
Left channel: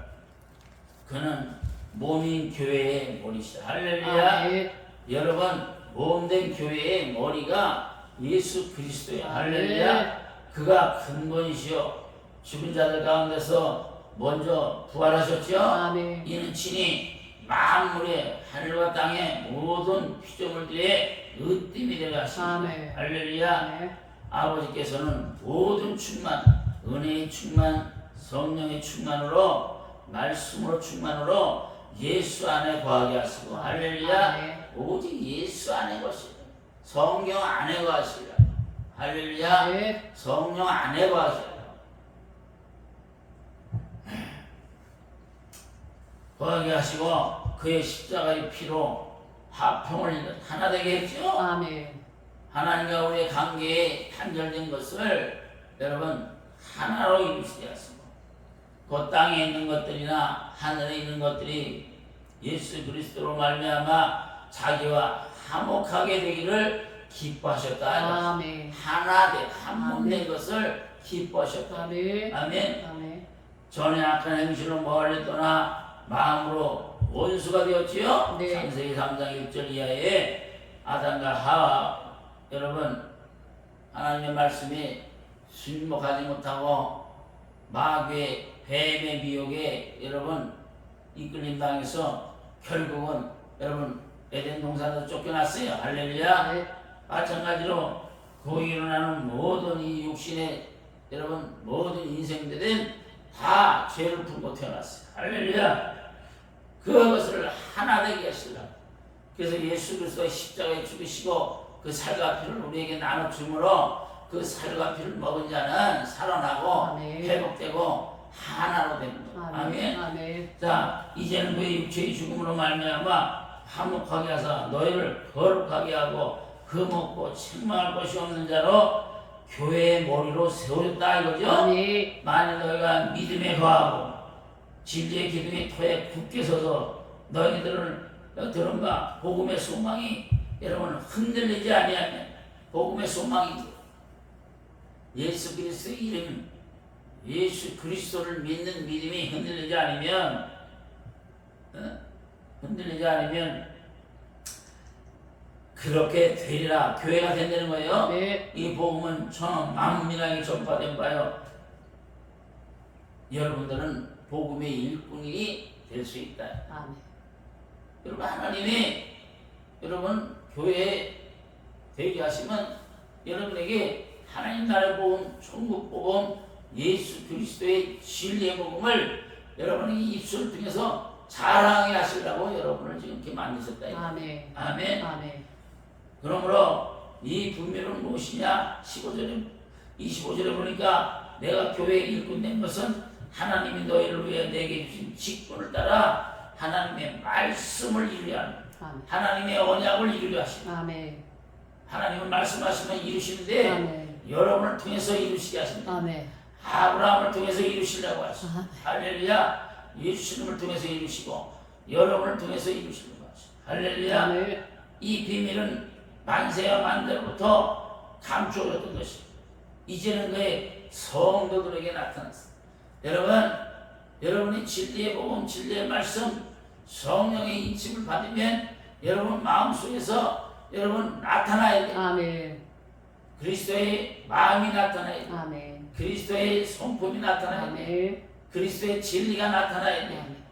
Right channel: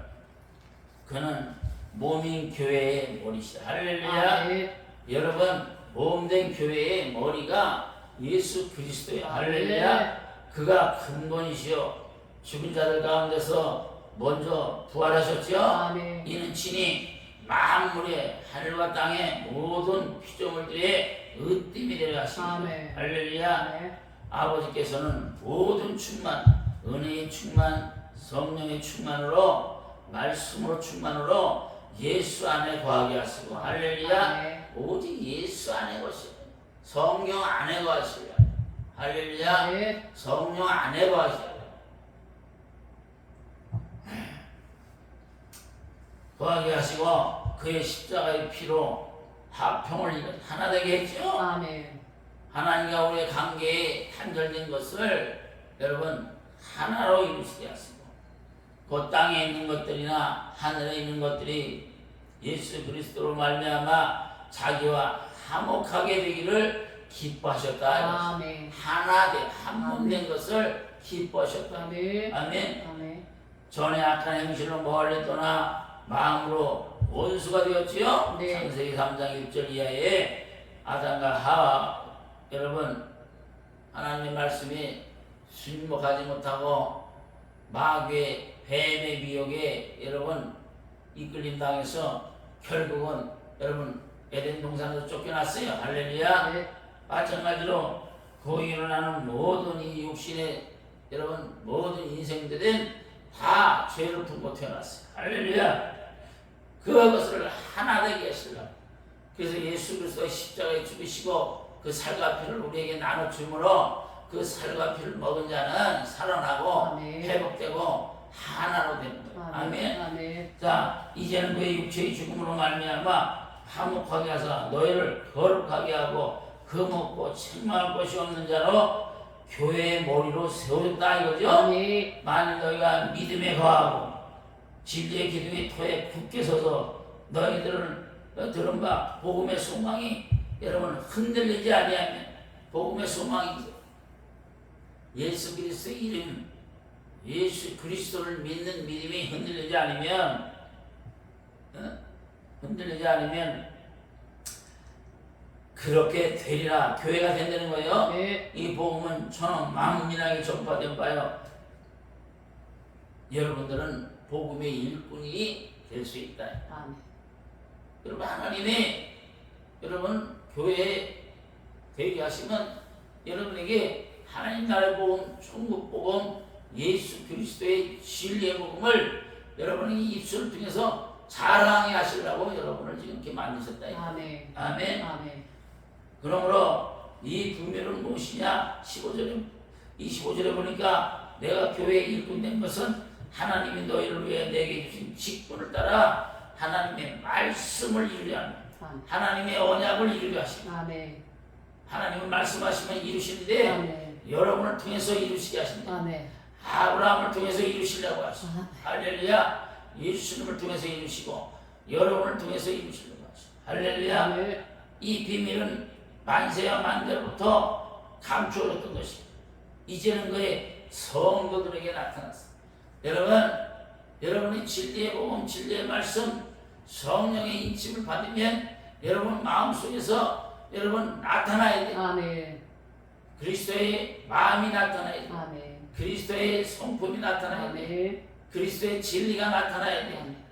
그는 몸인 교회의 머리시다. 할렐루야. 아멘. 여러분 몸된 교회의 머리가 예수 그리스도야. 할렐루야. 아멘. 그가 근본이시요 죽은 자들 가운데서 먼저 부활하셨죠. 아멘. 이는 친히 만물의 하늘과 땅의 모든 피조물들의 으뜸이 되려 하십니다. 아멘. 할렐루야. 아멘. 아버지께서는 모든 충만, 은혜의 충만, 성령의 충만으로 말씀으로 충만으로 예수 안에 거하게 하시고 할렐루야. 아멘. 오직 예수 안에 거시라. 성령 안에 거하시라. 할렐루야. 아멘. 성령 안에 거하시라. 거하게 하시고 그의 십자가의 피로 화평을 하나 되게 했죠. 아멘. 하나님과 우리의 관계에 단절된 것을 여러분 하나로 이루시게 하시고 그 땅에 있는 것들이나 하늘에 있는 것들이 예수 그리스도로 말미암아 자기와 화목하게 되기를 기뻐하셨다. 아멘. 하나 돼 한 몸 된 것을 기뻐하셨다. 아멘. 아멘. 아멘. 전에 악한 행실로 멀리 떠나 마음으로 원수가 되었지요. 네. 창세기 3장 1절 이하에 아담과 하와 여러분 하나님의 말씀이 순목하지 못하고 마귀의 뱀의 미혹에 여러분 이끌림 당해서 결국은 여러분 에덴 동산에서 쫓겨났어요. 할렐루야. 네. 마찬가지로 거기로 나는 모든 이 육신의 여러분 모든 인생들은 다 죄를 품고 태어났어요. 할렐루야. 그것을 하나 되게 하시려고 그래서 예수 그리스도의 십자가에 죽으시고 그 살과 피를 우리에게 나눠 주므로 그 살과 피를 먹은 자는 살아나고 아멘. 회복되고 하나로 됩니다. 아멘. 아멘. 자 이제는 그의 육체의 죽음으로 말미암아 화목하게 하사 너희를 거룩하게 하고 금없고 책망할 것이 없는 자로 교회의 머리로 세우셨다 이거죠. 아멘. 만일 너희가 믿음에 거하고 진리의 기둥의 터에 굳게 서서 너희들은 들은 바 복음의 소망이 여러분 흔들리지 아니하면 복음의 소망이죠. 예수 그리스도의 이름 예수 그리스도를 믿는 믿음이 흔들리지 않으면 그렇게 되리라 교회가 된다는 거예요. 네. 이 복음은 전 만민에게 전파된 바요. 여러분들은 복음의 일꾼이 될 수 있다. 아멘. 여러분 하나님이 여러분 교회에 되게 하시면 여러분에게 하나님 나라의 복음, 천국 복음, 예수 그리스도의 진리의 복음을 여러분이 입술을 통해서 자랑해 하시려고 여러분을 지금 이렇게 만드셨다. 아멘. 아멘. 아멘. 그러므로 이 분별은 무엇이냐? 25절에 보니까 내가 교회에 일꾼 된 것은 하나님이 너희를 위해 내게 주신 직분을 따라 하나님의 말씀을 이루려 합니다. 하나님의 언약을 이루려 하십니다. 아멘. 하나님은 말씀하시면 이루시는데 아멘. 여러분을 통해서 이루시게 하십니다. 아멘. 아브라함을 통해서 이루시려고 하십니다. 할렐루야. 예수님을 통해서 이루시고 여러분을 통해서 이루시려고 하십니다. 할렐루야. 아멘. 이 비밀은 만세와 만대로부터 감추어졌던 것입니다. 이제는 그의 성도들에게 나타났습니다. 여러분이 진리의 복음, 진리의 말씀, 성령의 인침을 받으면 여러분 마음속에서 여러분 나타나야 돼요. 아멘. 그리스도의 마음이 나타나야 돼요. 아멘. 그리스도의 성품이 나타나야 돼요. 아멘. 그리스도의 진리가 나타나야 돼요. 아멘.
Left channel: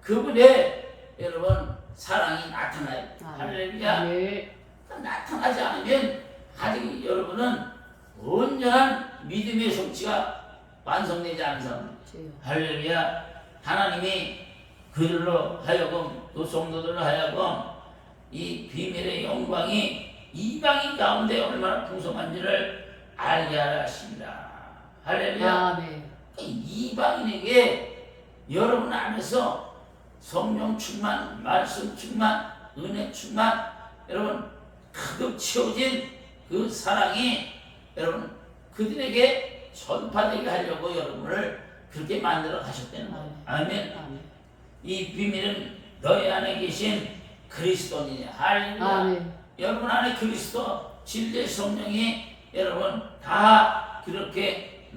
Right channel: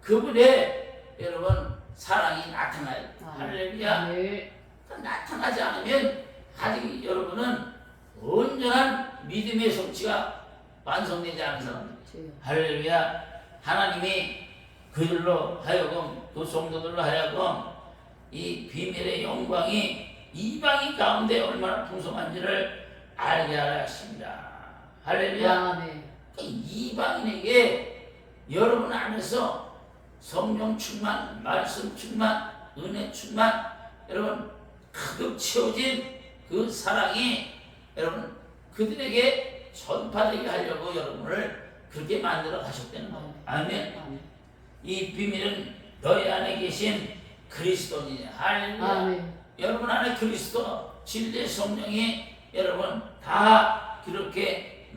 그분의 여러분 사랑이 나타나야 돼요. 아멘. 할렐루야. 아멘. 나타나지 않으면 아직 여러분은 온전한 믿음의 성취가 완성되지 않은 사람들. 할렐루야. 하나님이 그들로 하여금 또 성도들로 하여금 이 비밀의 영광이 이방인 가운데 얼마나 풍성한지를 알게 하십니다. 할렐루야. 아멘. 이방인에게 여러분 안에서 성령 충만, 말씀 충만, 은혜 충만, 여러분 가득 채워진 그 사랑이 여러분 그들에게 전파되게 하려고 여러분을 그렇게 만들어 가셨다는 거예요. 아멘. 아멘. 이 비밀은 너희 안에 계신 그리스도니. 할렐루야. 아멘. 여러분 안에 그리스도 진리의 성령이 여러분 다 그렇게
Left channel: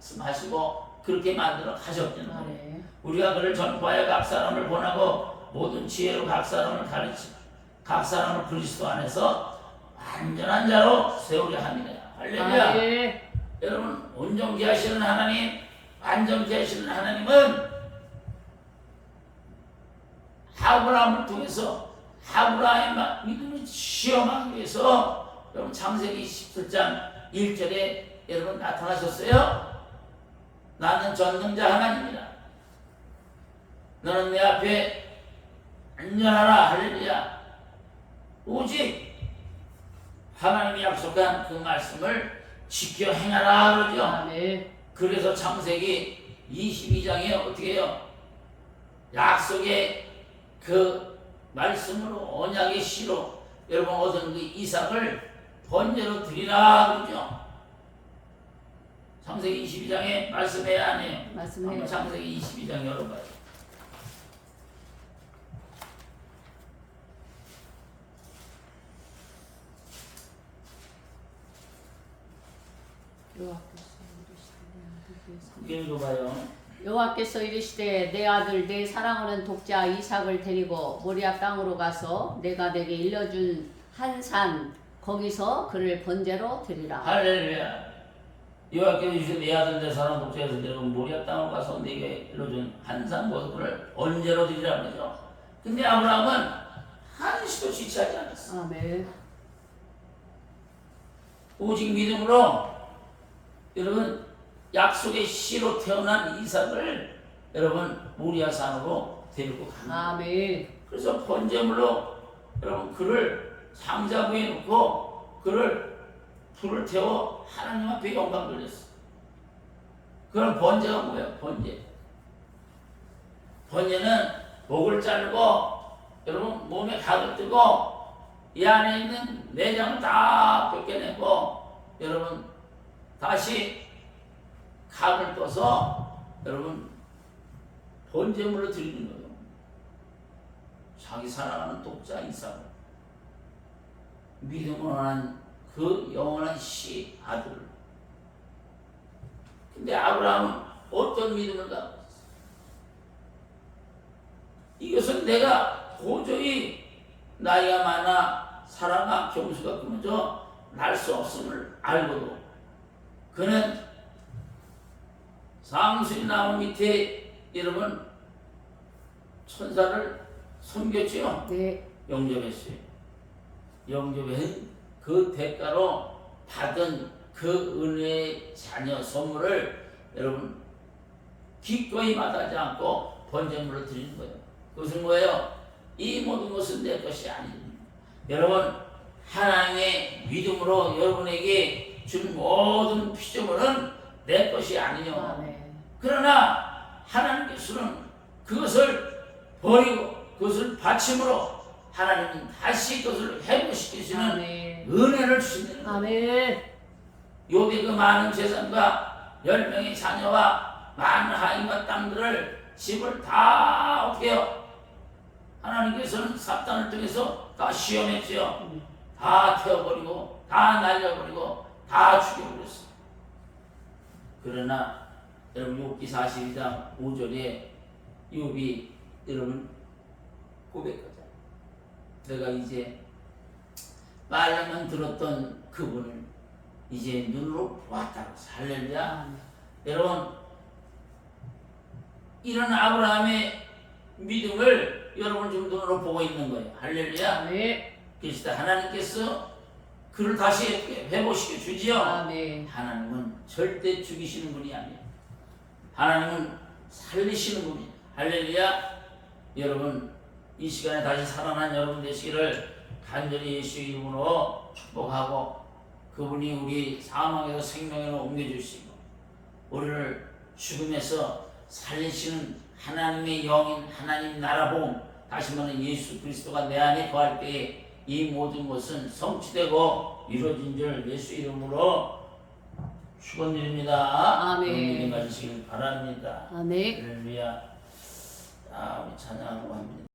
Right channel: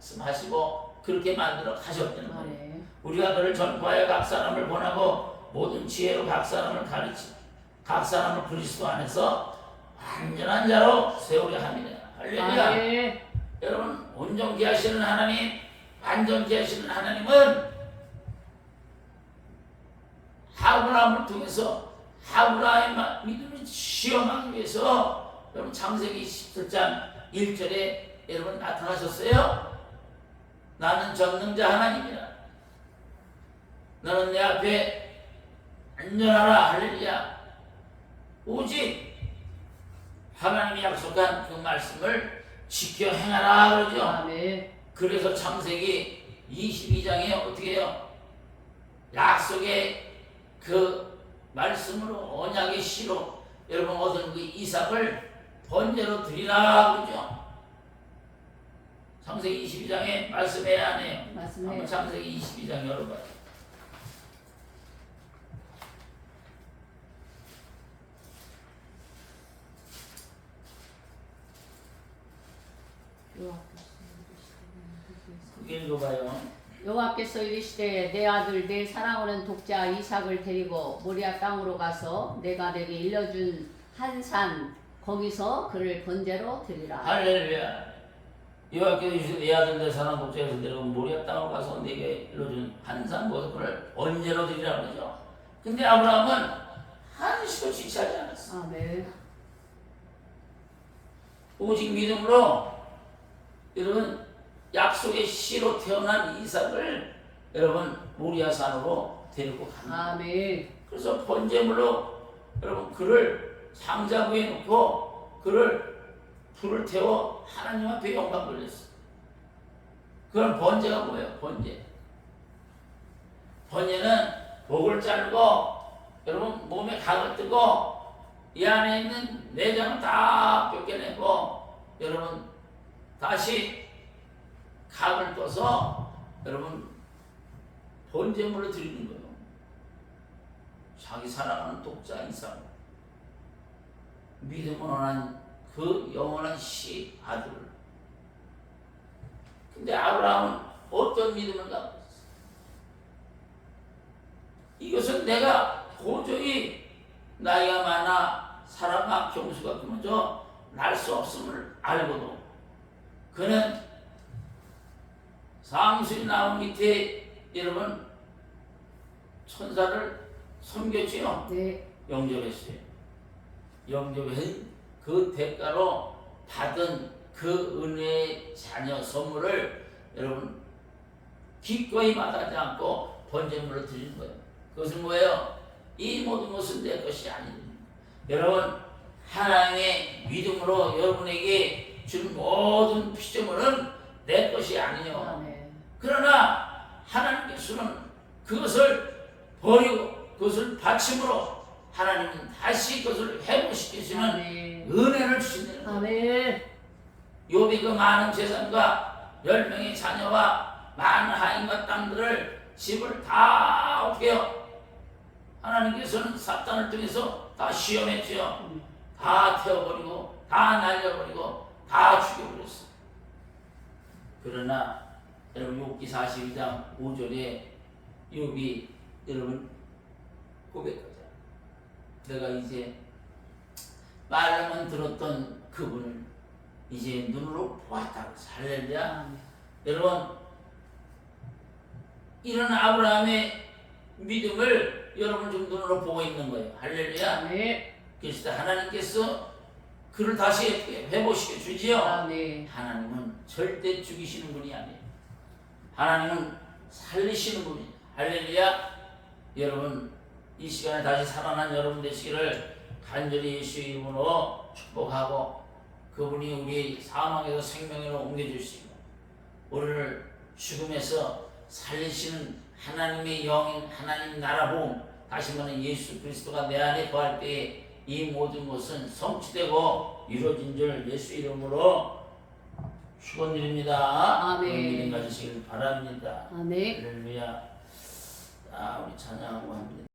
말씀하시고 그렇게 만들어 가셨다는 거예요. 아멘. 우리가 그를 전파해 각 사람을 권하고 모든 지혜로 각 사람을 가르치고 각 사람을 그리스도 안에서 완전한 자로 세우려 합니다. 할렐루야. 아멘. 여러분 온전케 하시는 하나님, 완전케 하시는 하나님은 아브라함을 통해서 아브라함의 믿음을 시험하기 위해서 여러분 창세기 17장 1절에 여러분 나타나셨어요. 나는 전능자 하나님이라. 너는 내 앞에 안전하라. 할렐루야. 오직 하나님이 약속한 그 말씀을 지켜 행하라 그러죠. 아멘. 그래서 창세기 22장에 어떻게 해요? 약속의 그 말씀으로 언약의 씨로 여러분 얻은 그 이삭을 번제로 드리라 그러죠. 창세기 22장에 말씀해야 안 해요? 말씀해요. 한번 창세기 22장 열어봐요. 읽어봐요. 여호와께서 이르시되 내 아들 내 사랑하는 독자 이삭을 데리고 모리아 땅으로 가서 내가 내게 일러준 한 산 거기서 그를 번제로 드리라. 할렐루야. 여호와께서 이르시되 내 아들 내 사랑하는 독자에서 데리고 모리아 땅으로 가서 내게 일러준 한 산 거기를 번제로 드리라 그러죠. 근데 아브라함은 한시도 지체하지 않았어. 아멘. 오직 믿음으로 여러분 약속의 씨로 태어난 이삭을 여러분 모리아 산으로 데리고 가는 거예요. 아멘. 그래서 번제물로 여러분 그를 상자부에 놓고 그를 불을 태워 하나님 앞에 영광 돌렸어. 그런 번제가 뭐예요? 번제. 번제는 목을 자르고 여러분 몸에 각을 뜨고 이 안에 있는 내장을 다 벗겨내고 여러분 다시 각을 떠서 여러분 번제물로 드리는 거예요. 자기 사랑하는 독자 이삭 믿음으로 한 그 영원한 씨 아들을. 근데 아브라함은 어떤 믿음을 갖고 있었어요? 이것은 내가 도저히 나이가 많아 사랑과 경수가 끊어져 날 수 없음을 알고도 그는 상수리 나무 밑에 여러분 천사를 섬겼지요. 네. 영접했어요. 영접한 그 대가로 받은 그 은혜의 자녀 선물을 여러분 기꺼이 마다하지 않고 번제물로 드리는 거예요. 그것은 뭐예요? 이 모든 것은 내 것이 아닙니다. 여러분 하나님의 믿음으로 여러분에게 준 모든 피조물은 내 것이 아니뇨. 아멘. 그러나 하나님께서는 그것을 버리고 그것을 바침으로 하나님은 다시 그것을 회복시키시는 아멘. 은혜를 주신다는 거예요. 아멘. 욥이 그 많은 재산과 10명의 자녀와 많은 하인과 땅들을 집을 다 어떻게 해요? 하나님께서는 사탄을 통해서 다 시험했지요. 다 태워버리고 다 날려버리고 다 죽여버렸어요. 그러나 여러분 욥기 42장 5절에 욥이 여러분 고백하잖아요. 내가 이제 말로만 들었던 그분을 이제 눈으로 보았다. 할렐루야. 여러분 이런 아브라함의 믿음을 여러분 지금 눈으로 보고 있는 거예요. 할렐루야. 아멘. 그래서 하나님께서 그를 다시 회복시켜 주지요. 아멘. 하나님은 절대 죽이시는 분이 아니에요. 하나님은 살리시는 분이에요. 할렐루야. 여러분 이 시간에 다시 살아난 여러분 되시기를 간절히 예수 이름으로 축복하고 그분이 우리 사망에서 생명으로 옮겨주시고 우리를 죽음에서 살리시는 하나님의 영인 하나님 나라 봄 다시 말하면 예수 그리스도가 내 안에 거할 때에 이 모든 것은 성취되고 이루어진 줄 예수 이름으로 축원드립니다. 아멘. 그런 믿음 가지시길 바랍니다. 아멘. 할렐루야. 우리 찬양하고 합니다.